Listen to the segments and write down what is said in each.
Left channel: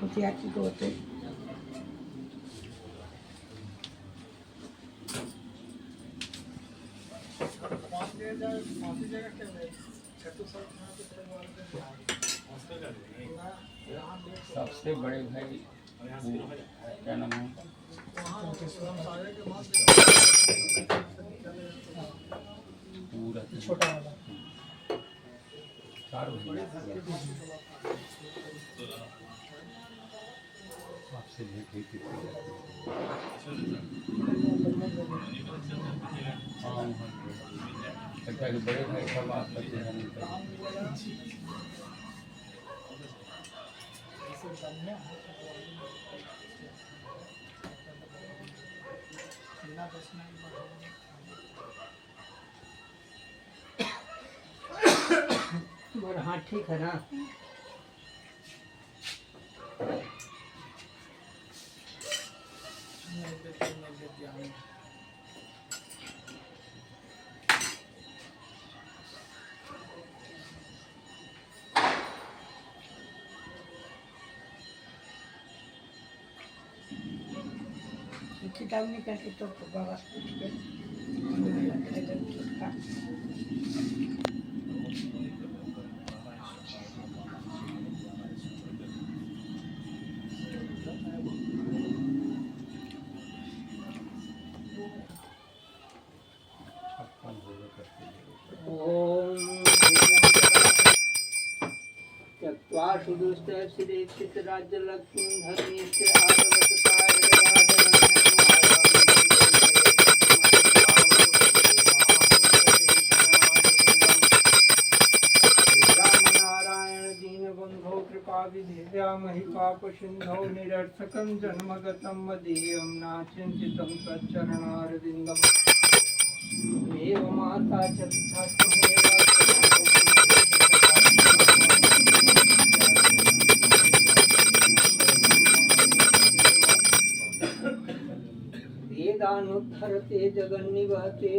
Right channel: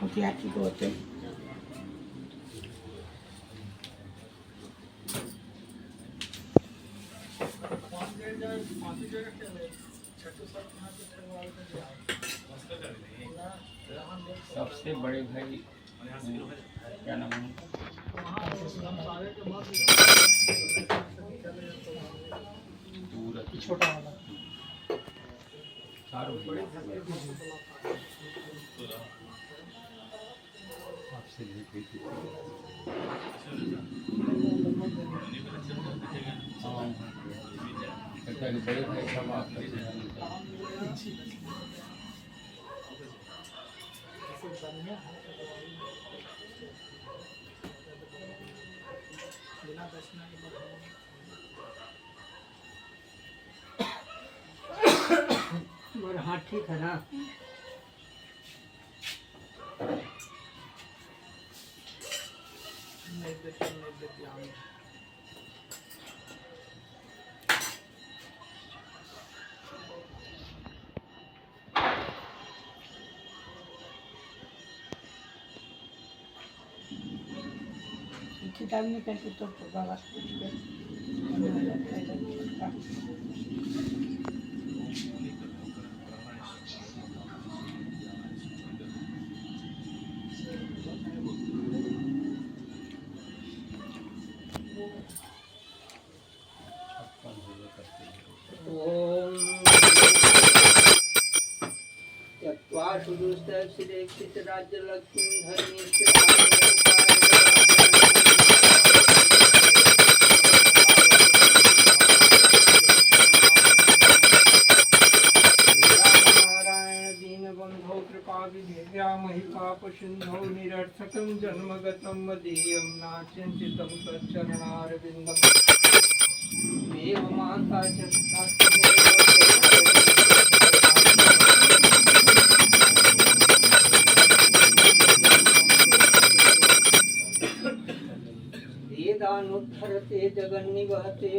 Hati-hati kau tu. सबसे बड़े भाई क्या नाम है? छोटा वाला चारों आपसे भेंट हुई थी। हाँ लगता है कि बड़े भाई सब आप करते हैं। तुम्हारा हाथ ठीक है ना? किताब निकल के तो बाबा से पूछ के सुदुष्ट राज्य लक्ष्मी नारायण दीन बंधो कृपा विधेया महिपाप सिंधो निरर्थकं जन्मगतं मदीयं नाचिंतितं सच्चरणारविन्दम् देव माता च पिता वेदानुद्धरते जगन्निवहते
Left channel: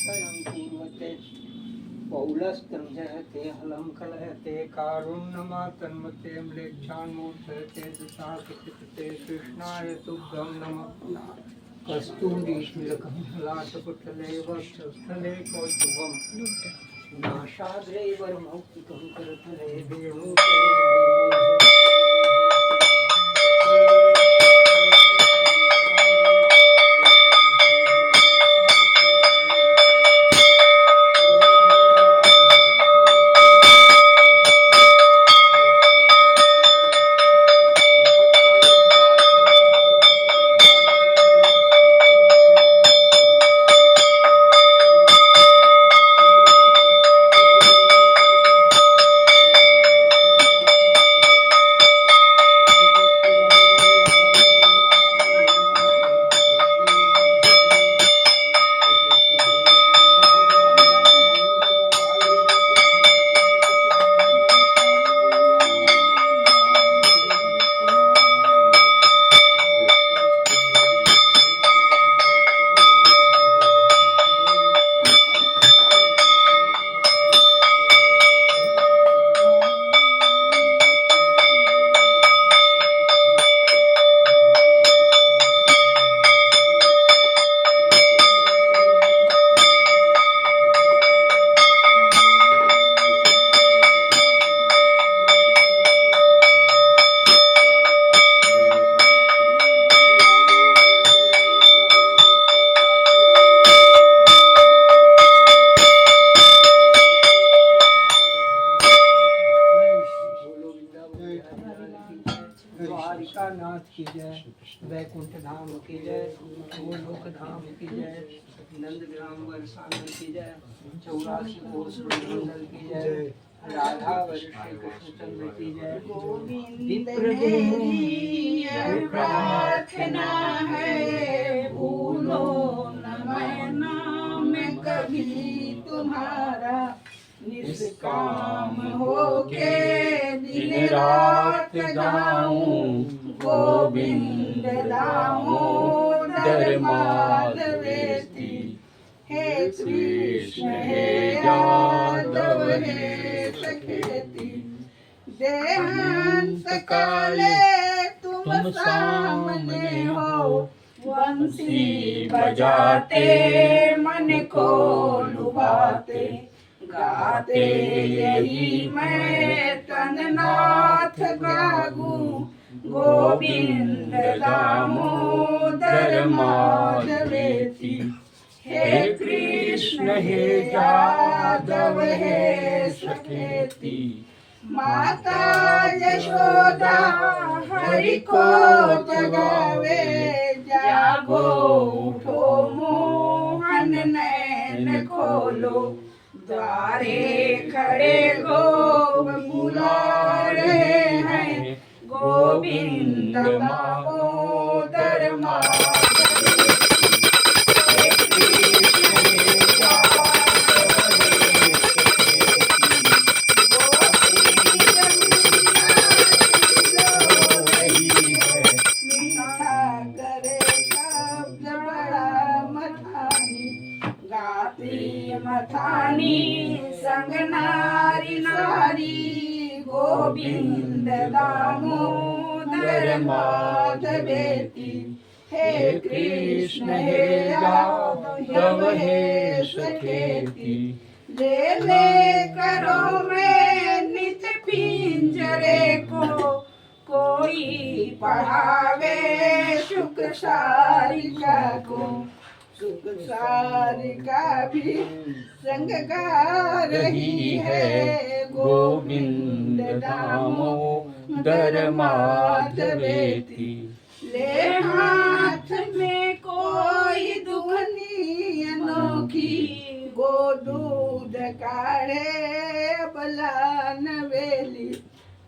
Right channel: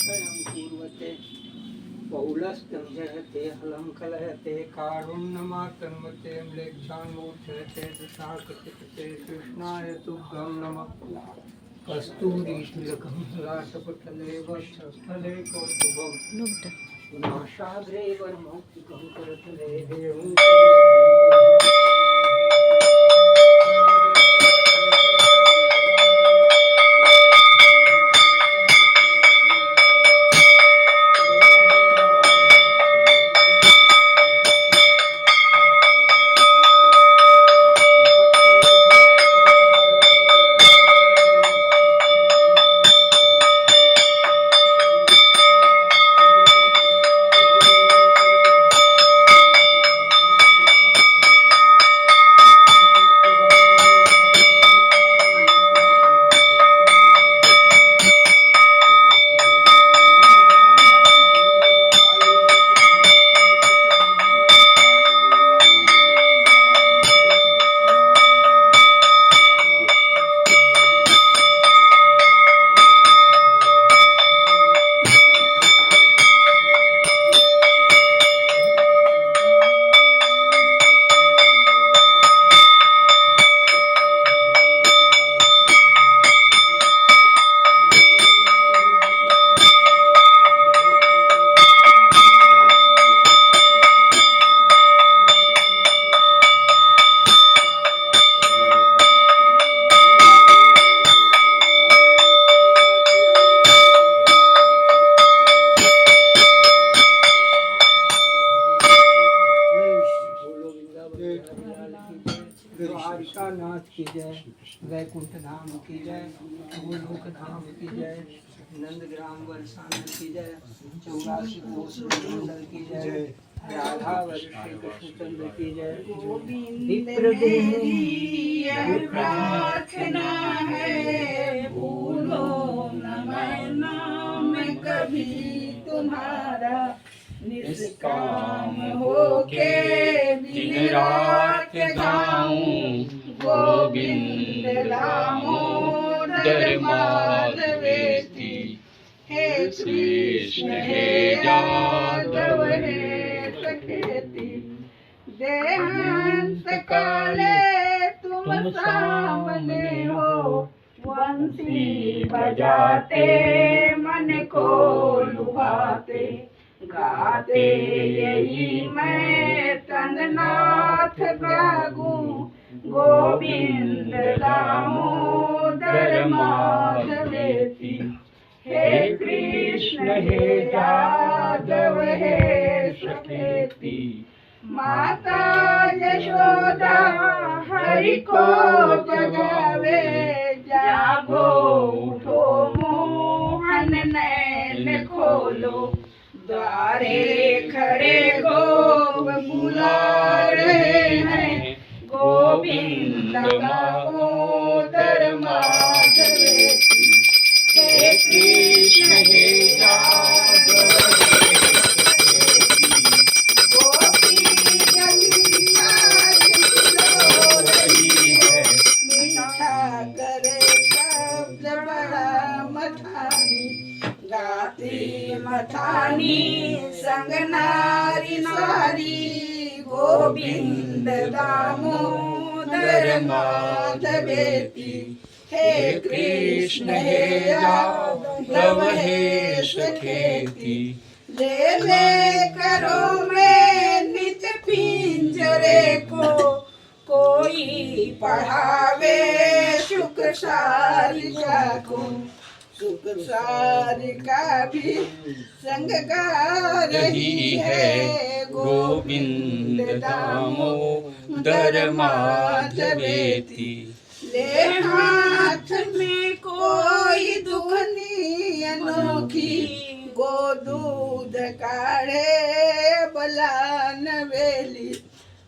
स्वयं पूर्वते पौलस्तं जहते हलं कलहते कारुण्यमातन्मते म्लेच्छान्मूर्धते दशाकटिपते कृष्णाय तुभ्यं नमः कस्तूरीश्वरकं लाटपटले वक्षस्थले कौस्तुभम् नाशाग्रे वरमौक्तिकं करतले देवं द्वारिकानाथ की जय, वैकुंठ धाम की जय, गोलोक धाम की जय, नंदग्राम वरसानल की जय, 84 कोस मंडल की जय, राधा वरिष्ठ कृष्णचंद्र की जय। प्रार्थना है भूलो न मैं नाम कभी तुम्हारा, निष्काम होके दिन रात गाऊं गोविंद दामोदर माधवेति। हे कृष्ण हे यादव हे सखेती देहांत काले तुम सामने हो बंसी बजाते मन को लुभाते गाते यही मैं तननाथ गागू गोविंद दामोदर माधवेति हे कृष्ण हे यादव हे सखेति माता यशोदा हरि को जगावे जागो उठो मोहन नैन खोलो द्वारे खड़े गोप बुला रहे हैं गोविंद दामोदर माधवेति हे कृष्ण हे मथानी संग नारी नारी गोविंद दामोदर माधवेति हे कृष्ण हे यादव हे सखेति ले ले करो मैं नित पिंजरे को कोई पढ़ावे शुक सारिका को सुख सारिका भी संग गा रही है गोविंद दामोदर माधवेति ले हाथ में कोई दुखनी अनोखी गो दूध काढ़े बलान वेली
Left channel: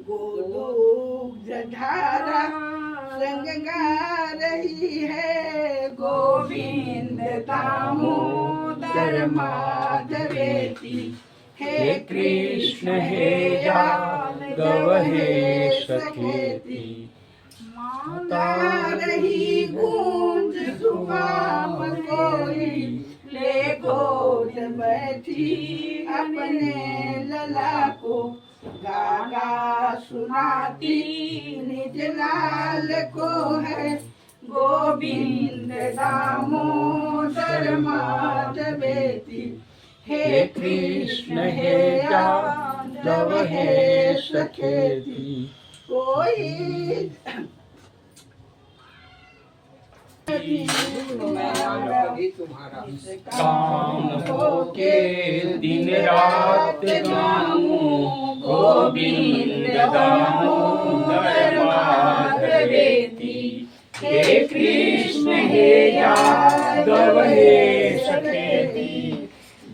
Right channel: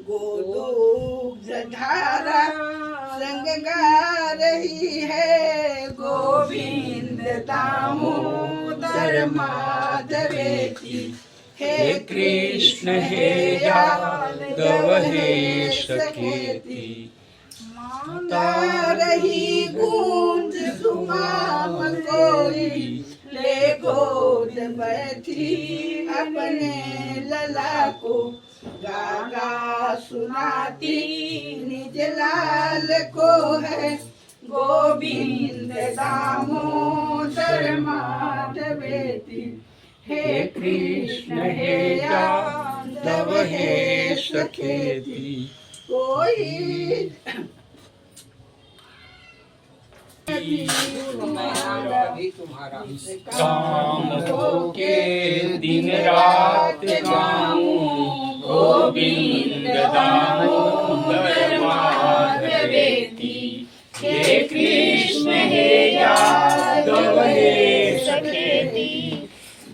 गोदूध धारा संग गा रही है गोविंद दामोदर माधवेति हे कृष्ण हे यादव हे सखेति माता रही गूंज सुहाम कोई ले गोद बैठी अपने लला को गागा सुनाती निज लाल को है गोविंद दामोदर माधवेति हे कृष्ण हे यादव हे सखेति कोई तुम्हारा काम हो के दिन रात गाऊं गोविंद दामोदर माधवेति हे कृष्ण हे यादव हे सखेति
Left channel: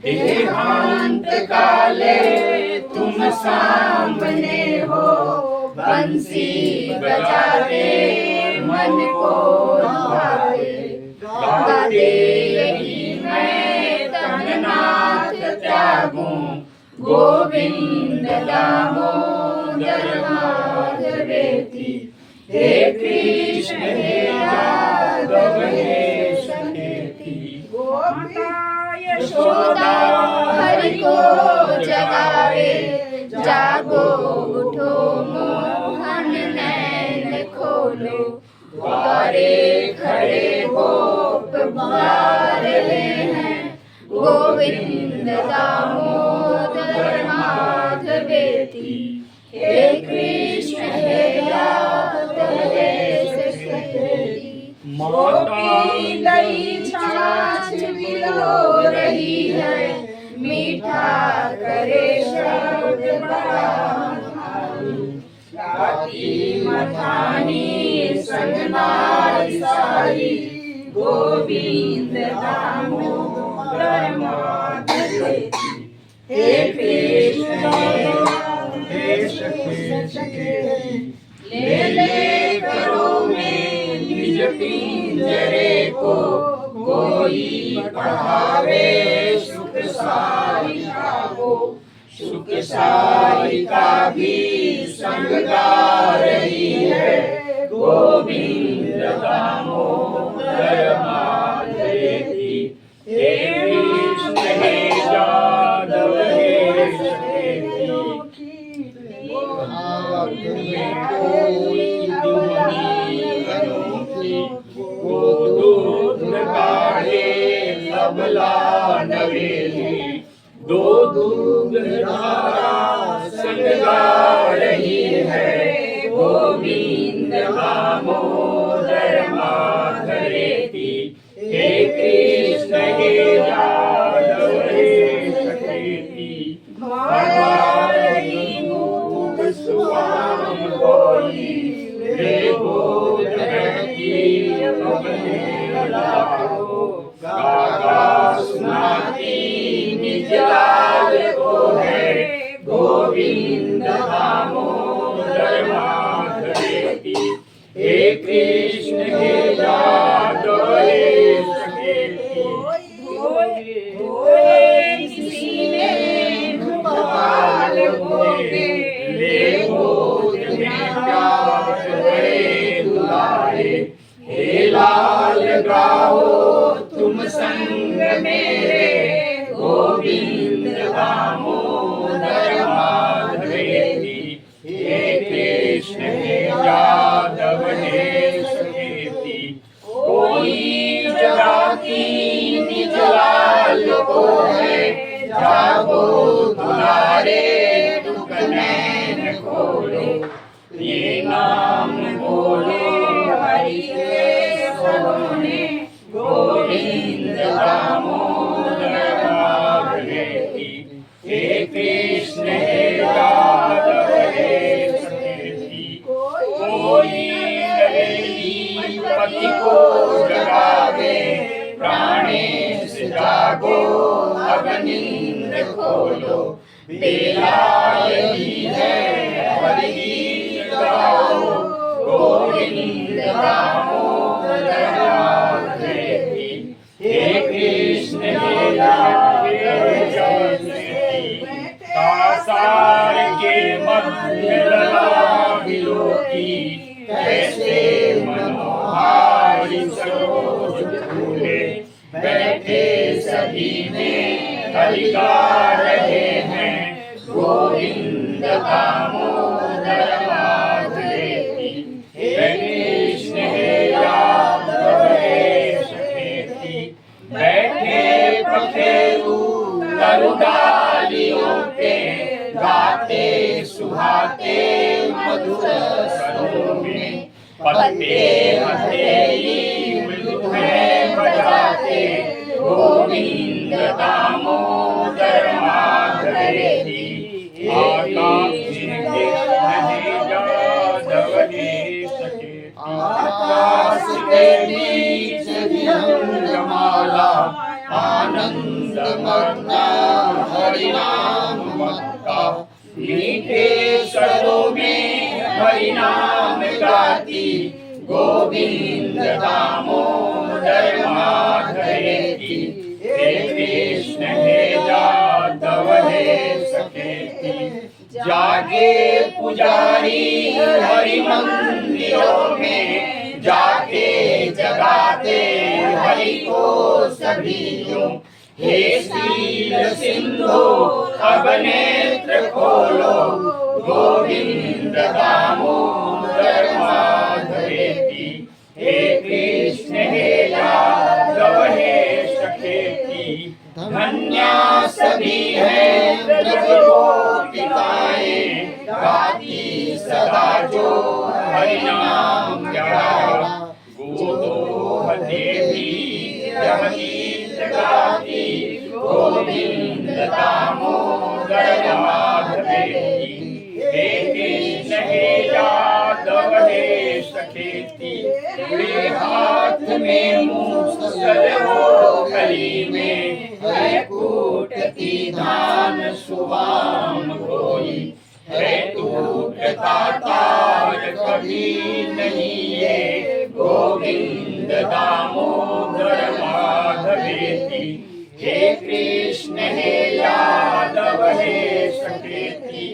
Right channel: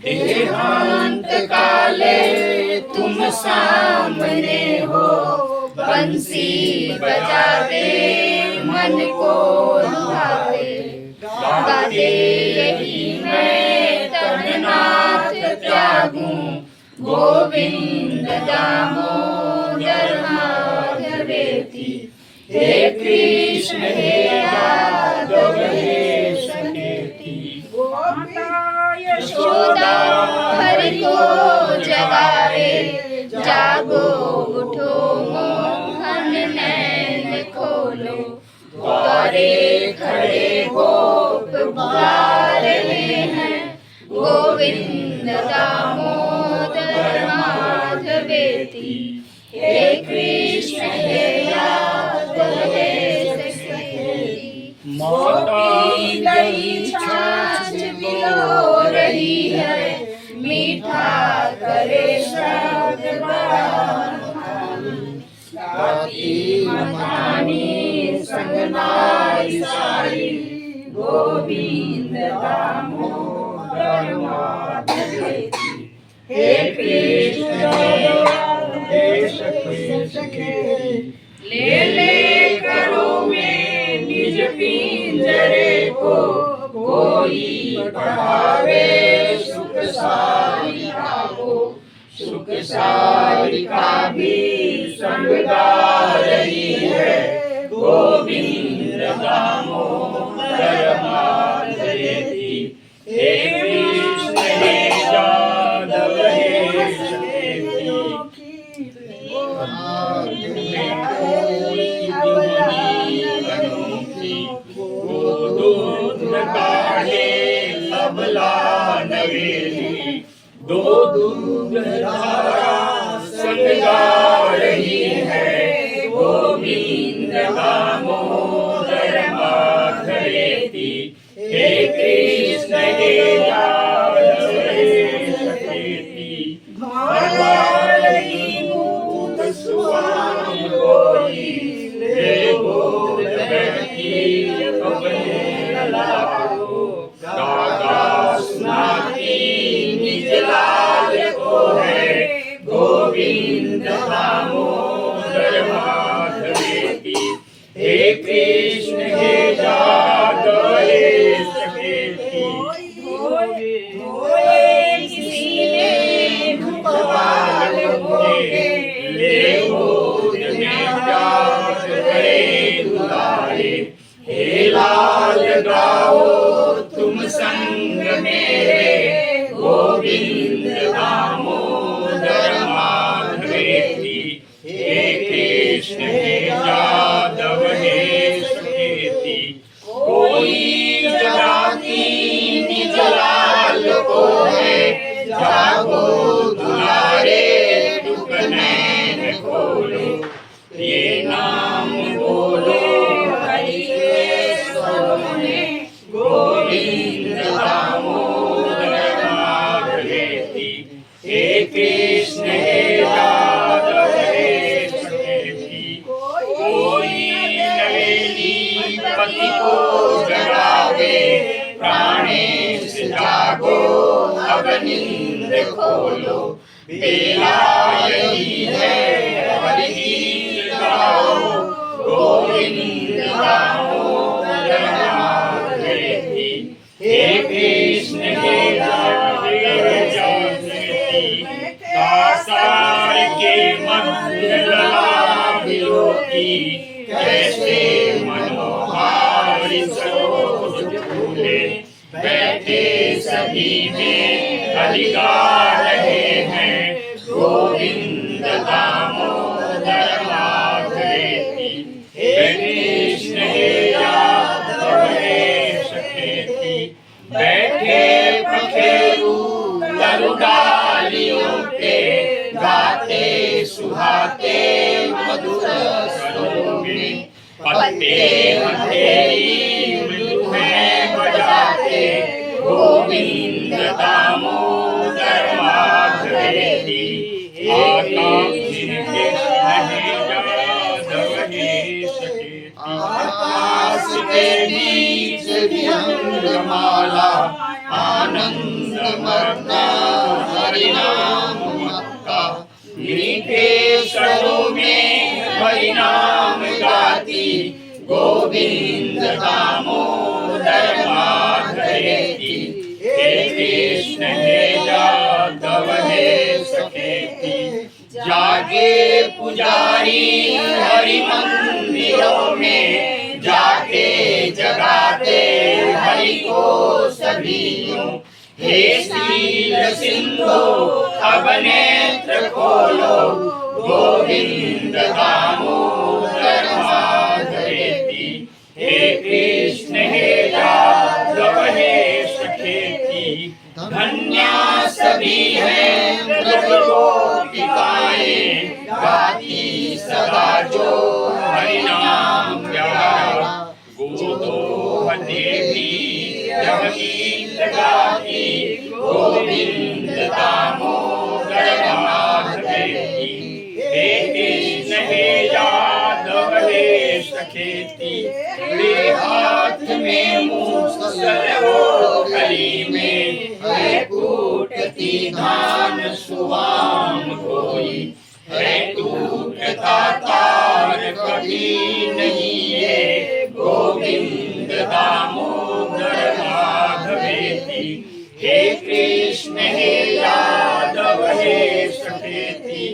देहांत काले तुम सामने हो बंसी बजाते मन को लुभाए गाते यही मैं तननाथ त्यागूं गोविंद दामोदर माधवेति हे कृष्ण हे यादव हे सखेति माता यशोदा हरि को जगावे जागो उठो मोहन नैन खोलो द्वारे खड़े गोप बुला रहे हैं गोविंद दामोदर माधवेति हे कृष्ण हे यादव हे सखेति गोपी दही छाछ पिलो रही है मीठा करे शब्द बड़ा गाती मथानी संग नारी सारी गोविंद दामोदर माधवेति हे कृष्ण हे सखे ले ले करो में निज पिंजरे को कोई पढ़ावे सुख सारिका को सुख सारिका भी संग गा रही है गोविंद दामोदर माधवेति हे कृष्ण हे यादव हे सखे है तबला नवेली, दो दूध धारा संग गा रही है, गोविंद दामोदर माधवेति। हे कृष्ण हे यादव हे सखेति, भवानी मूक सुआम गोरी, हे बोल बहकी अपने लाओ, गागा सुनाती निज लाल को है, गोविंद दामोदर माधवेति। हे कृष्ण हे यादव हे सखेति, धोए किसी ने गोपाल भोगे, ले गोद में प्यार गए दुलारे। हे लाल गाओ तुम संग मेरे, गोविंद दामोदर माधवेति। हे कृष्ण हे यादव हे सखेति, कोई जगाती निज लाल को है, जागो दुलारे टुक नैन खोलो, ये नाम बोलो हरि के स्वरों में, गोविंद दामोदर माधवेति। हे कृष्ण हे यादव हे सखेति, कोई नवेली पति को जगावे, प्राणेश जागो अब नींद खोलो, बेला यही है हरि गीत गाओ, गोविंद दामोदर माधवेति। हे कृष्ण हे यादव हे सखेति, कासार के मध्य लला विलोकी, कैसे मनोहारी सरोज फूले, बैठे सभी में हरि गा रहे हैं, गोविंद दामोदर माधवेति। हे कृष्ण हे यादव हे सखेति, बैठे पखेरु तरु डालियों पे, गाते सुहाते मधुर स्वरों में, पत्ते हथेली मृदु है बजाते, गोविंद दामोदर माधवेति। आकाश के नहीं यादव हे सखेति, आकाश के बीच विहंगमाला, आनंद मग्ना हरि नाम मक्का, मीठे स्वरों में हरि नाम गाती, गोविंद दामोदर माधवेति। हे कृष्ण हे यादव हे सखेति, जागे पुजारी हरि मंदिरों में, जाके जगाते हरि को सभी यूं। हे शील सिंधु अब नेत्र खोलो, गोविंद दामोदर माधवेति। हे कृष्ण हे यादव हे सखेति, धन्या सभी हैं ब्रज गोपिकाएं, गाती सदा जो हरि नाम प्यारा, गोदोह देवी यह गीत गाती, गोविंद दामोदर माधवेति। हे कृष्ण हे यादव हे सखेति, वे हाथ में मूसल हो गली में, है कूटती धान सुवाम कोई, है टूटता तार कभी नहीं ये, गोविंद दामोदर माधवेति। हे कृष्ण हे यादव हे सखेति,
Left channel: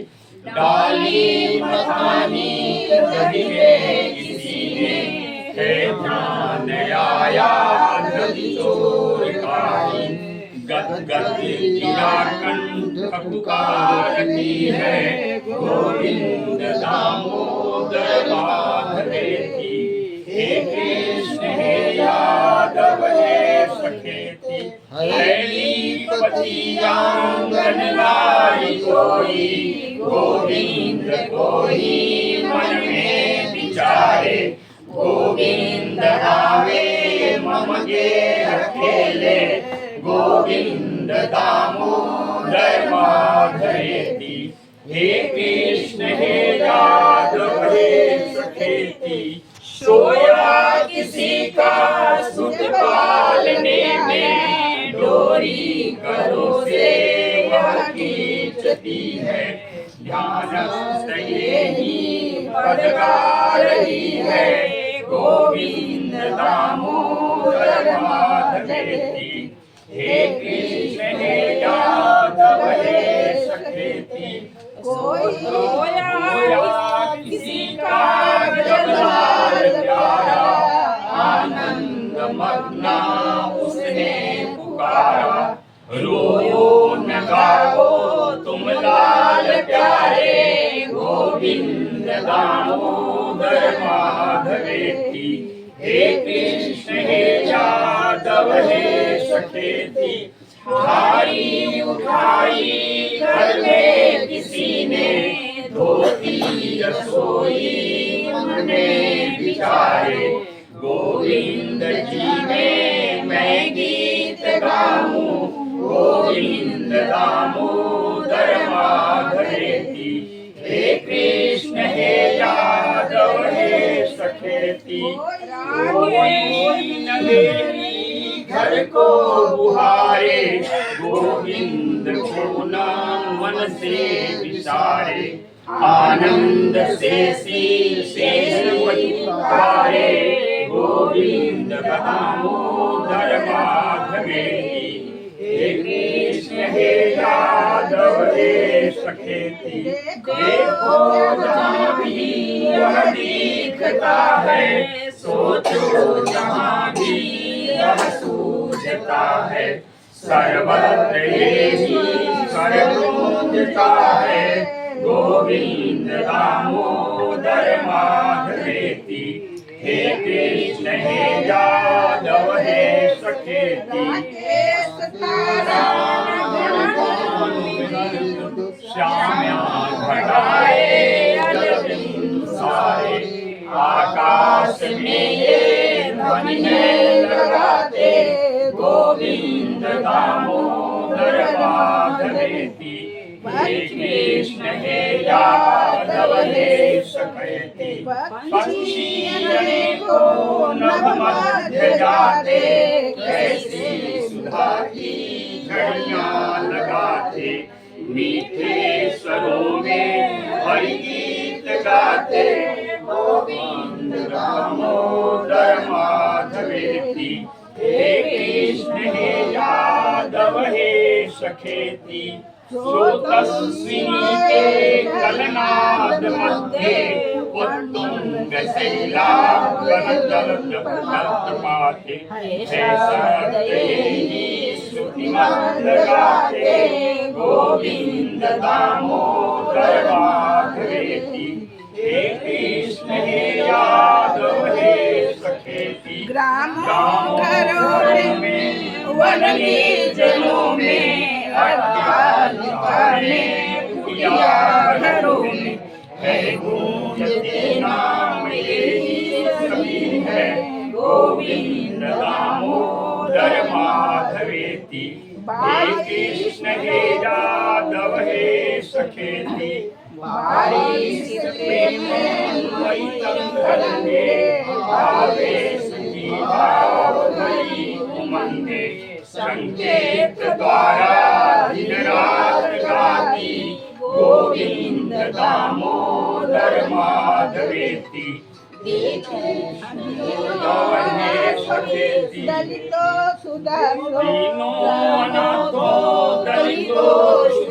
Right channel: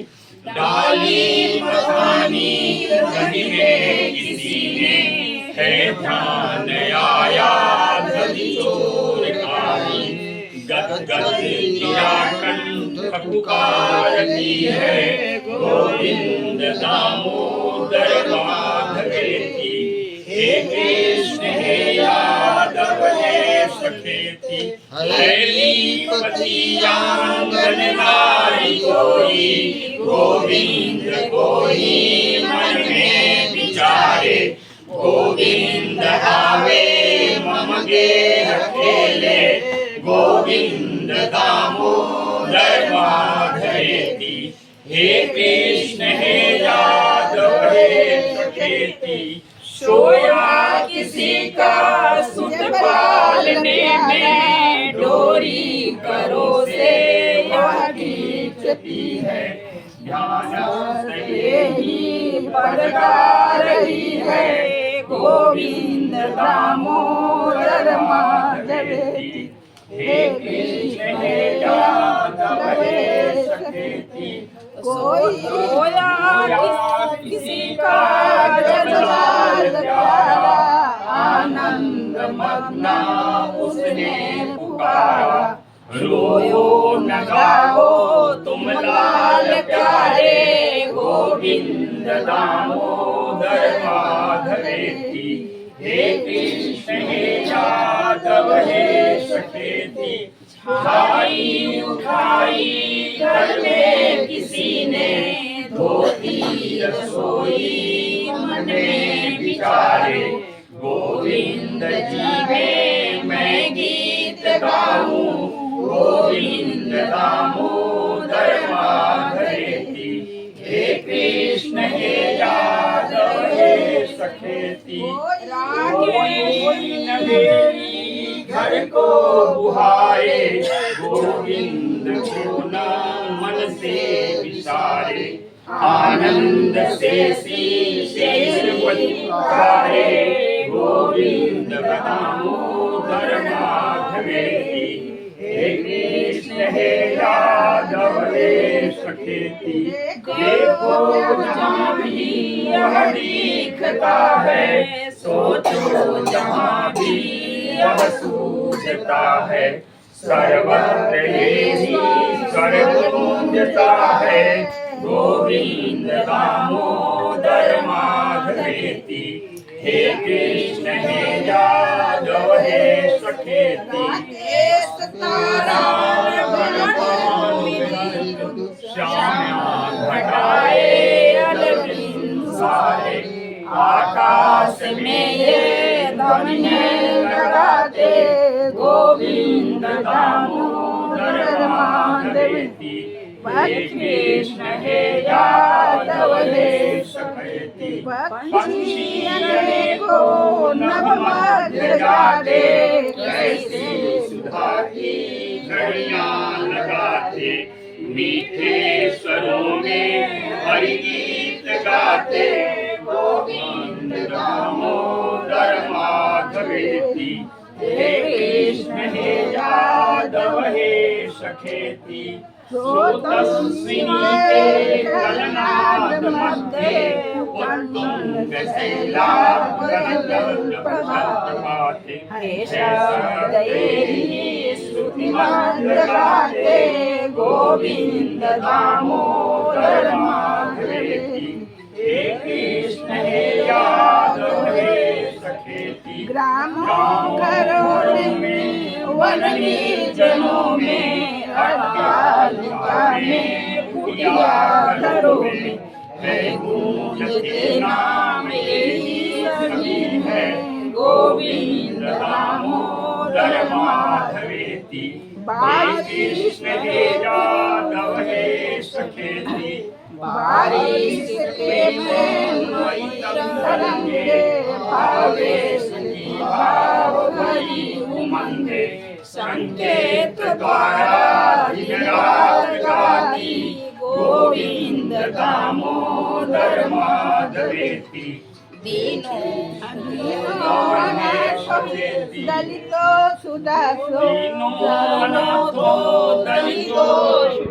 डाली मखानी नदी में किसी ने, है ध्यान आया नदी चोर कारी, गद गद गिरा कंठ पुकारती है, गोविंद दामोदर माधवेति। हे कृष्ण हे यादव हे सखेति। गोविंद को ही मन में विचारे, गोविंद आवे मम गेह खेले, गोविंद दामोदर माधवेति, हे कृष्ण हे यादव हे सखेति, सोया किसी का सुत पालने में, डोरी करो से वह खींचती है, ध्यान ये ही पदगा रही है, गोविंद दामोदर माधवेति, हे कृष्ण हे यादव हे सखेति, सोया किसी का जगलाल प्यारा, आनंद मग्ना उसने पुकारा, रोयो न गाओ तुम लाल प्यारे, गोविंद दामोदर माधवेति, हे कृष्ण हे यादव हे सखेति, उठाई उठाई घर में किसी ने, धोती रसोई मने बिचारे, गोविंद जी में मैं गीत गाऊं, गोविंद दामोदर माधवेति, हे कृष्ण हे यादव हे सखेति, कोई नगेरी घर को बुहारे, गोविंद को न मन से विचारे, आनंद से पुकारे, गोविंद दामोदर माधवेति, हे कृष्ण हे यादव हे सखेति, देखो जहाँ भी वह दिखता है, सोचो जहाँ भी वह सूझता है, सर्वत्र यही स्वर गूंजता है, गोविंद दामोदर माधवेति, हे कृष्ण हे यादव हे सखेति, श्याम्या घटाए जलबिंदु सारे, आकाश में ये ध्वनि लगाते, गोविंद दामोदर माधवेति, हे कृष्ण हे यादव हे सखेति, पक्षी अनेकों नभ मध्य जाते, कैसी सुधा की झड़ियां लगाते, मीठे स्वरों में हरि गीत गाते, गोविंद दामोदर माधवेति, हे कृष्ण हे यादव हे सखेति, श्रोतस्विनी के कलनाद मध्य, उत्तुंग शैलाग्रपाते, श्रुतिमंद गाते, गोविंद दामोदर माधवेति, हे कृष्ण हे यादव हे सखेति, ग्रामों घरों में वन निर्जनों में, अज्ञानता में कुटिया घरों में, है गूंजते नाम यही सभी है, गोविंद दामोदर माधवेति, हे कृष्ण हे यादव हे सखेति, बारिश के द्वैतम धरंगे, आवेश की भाव भरी उमंगे, संकेत द्वारा दिन रात गाती, गोविंद दामोदर माधवेति, दलितों सुदासों दीनों अनाथों दलितों